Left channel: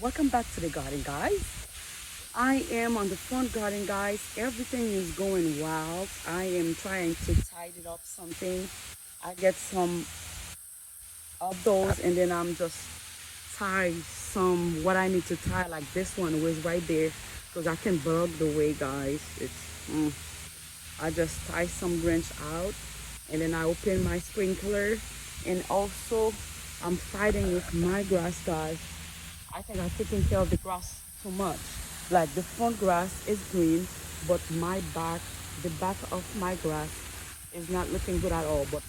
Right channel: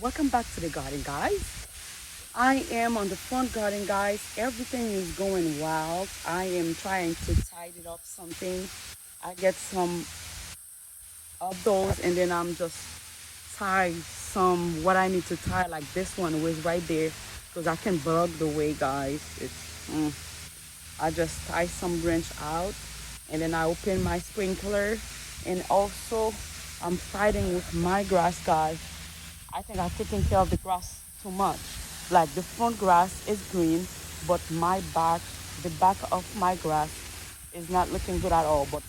Welcome back to the garden, guys. I am on the front garden, guys. Everything is going wild. I am trying to tidy up something. I get some of those, and then I'm just tie some what I need to tie, like this one was right there, because I can block the way, guys. I just tie some branch out, and then I open my sprinkler. And also I'm fighting with my grass, guys. I think I'm taking care of the grass too much. Like the front grass is green, but the back of my grass is not looking good at all. But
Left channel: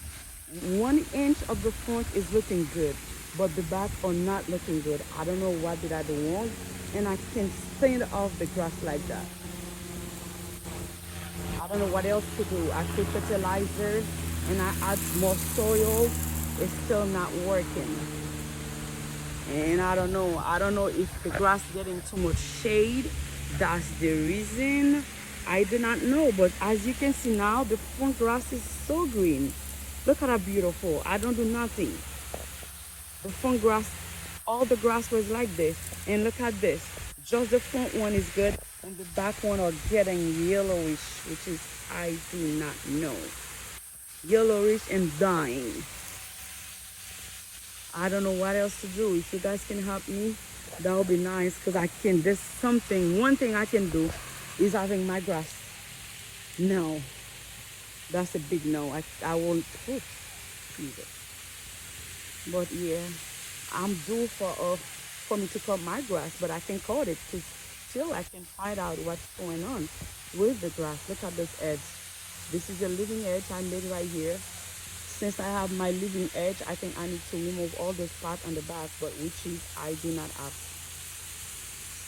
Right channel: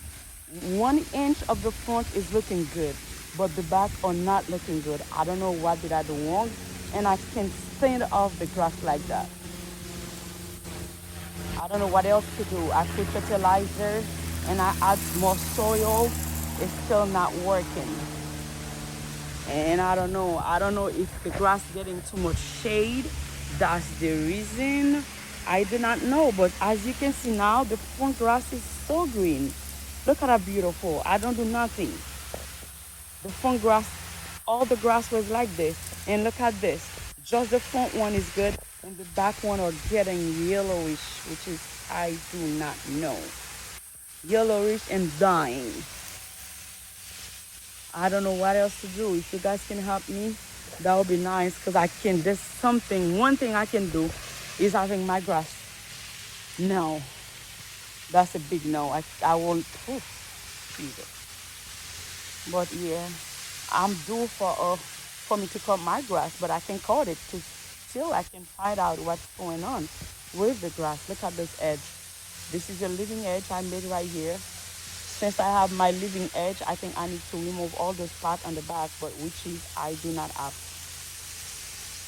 1 inch of the front is looking good, but the back are not looking good. I don't know what did I do wrong, and I can stand off the grass like that. I don't know what else to do. I put fertilizer and I add more soil. It's still not working. And I don't know. I don't know if the grass getting too much shade. That's the reason. I do not know. But as you can see now, the front grass is so green. Look at how beautiful. I don't do nothing. The front grass, all the grass was like this. And look at this. Just the front one is good, and the back one are getting yellowish, which is, I do not know. Yellowish and dying. I don't know what else to do. If you guys can help me, that would be nice, because one thing I can do is having my grass. No, that's a big no. I won't put it. But yeah, I'm due for me to cut my grass, but I can cut it till I can find out what's going on with the grass. Look at this edge. This is a living edge I made right here. Since I have my living edge, I think I need to remove all the spot on the back, but which is I do not have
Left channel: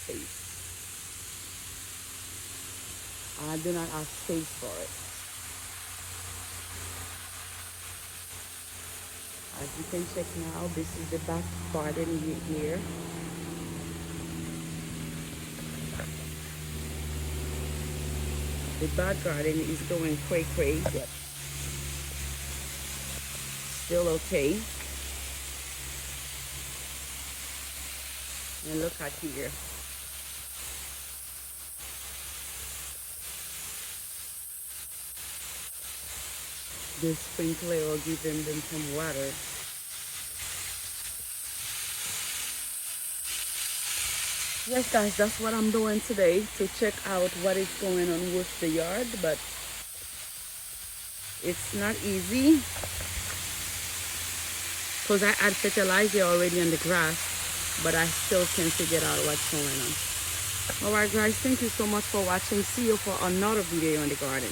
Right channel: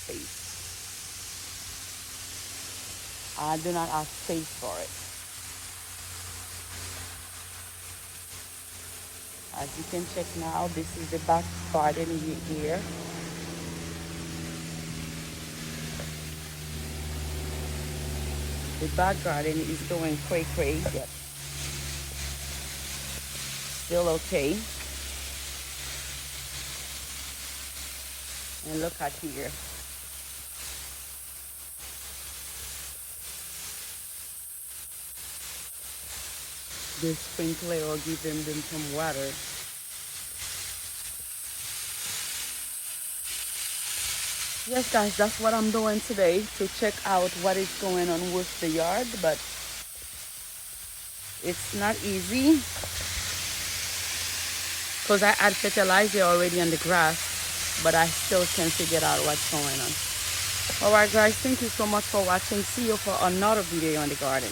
space. I do not have space for it. As you can check now, this is the back garden here. The back garden is going crazy. Yep. Still okay. And look at here. The sprinkler will give them some water. Yes, guys, that's what I'm doing today, to check out what is going on with the yard, but it's not easy because I add fertilizer already on the grass, but I still can't figure out what's going on. All right, guys, thank you so much for watching. See you for another video on the garden.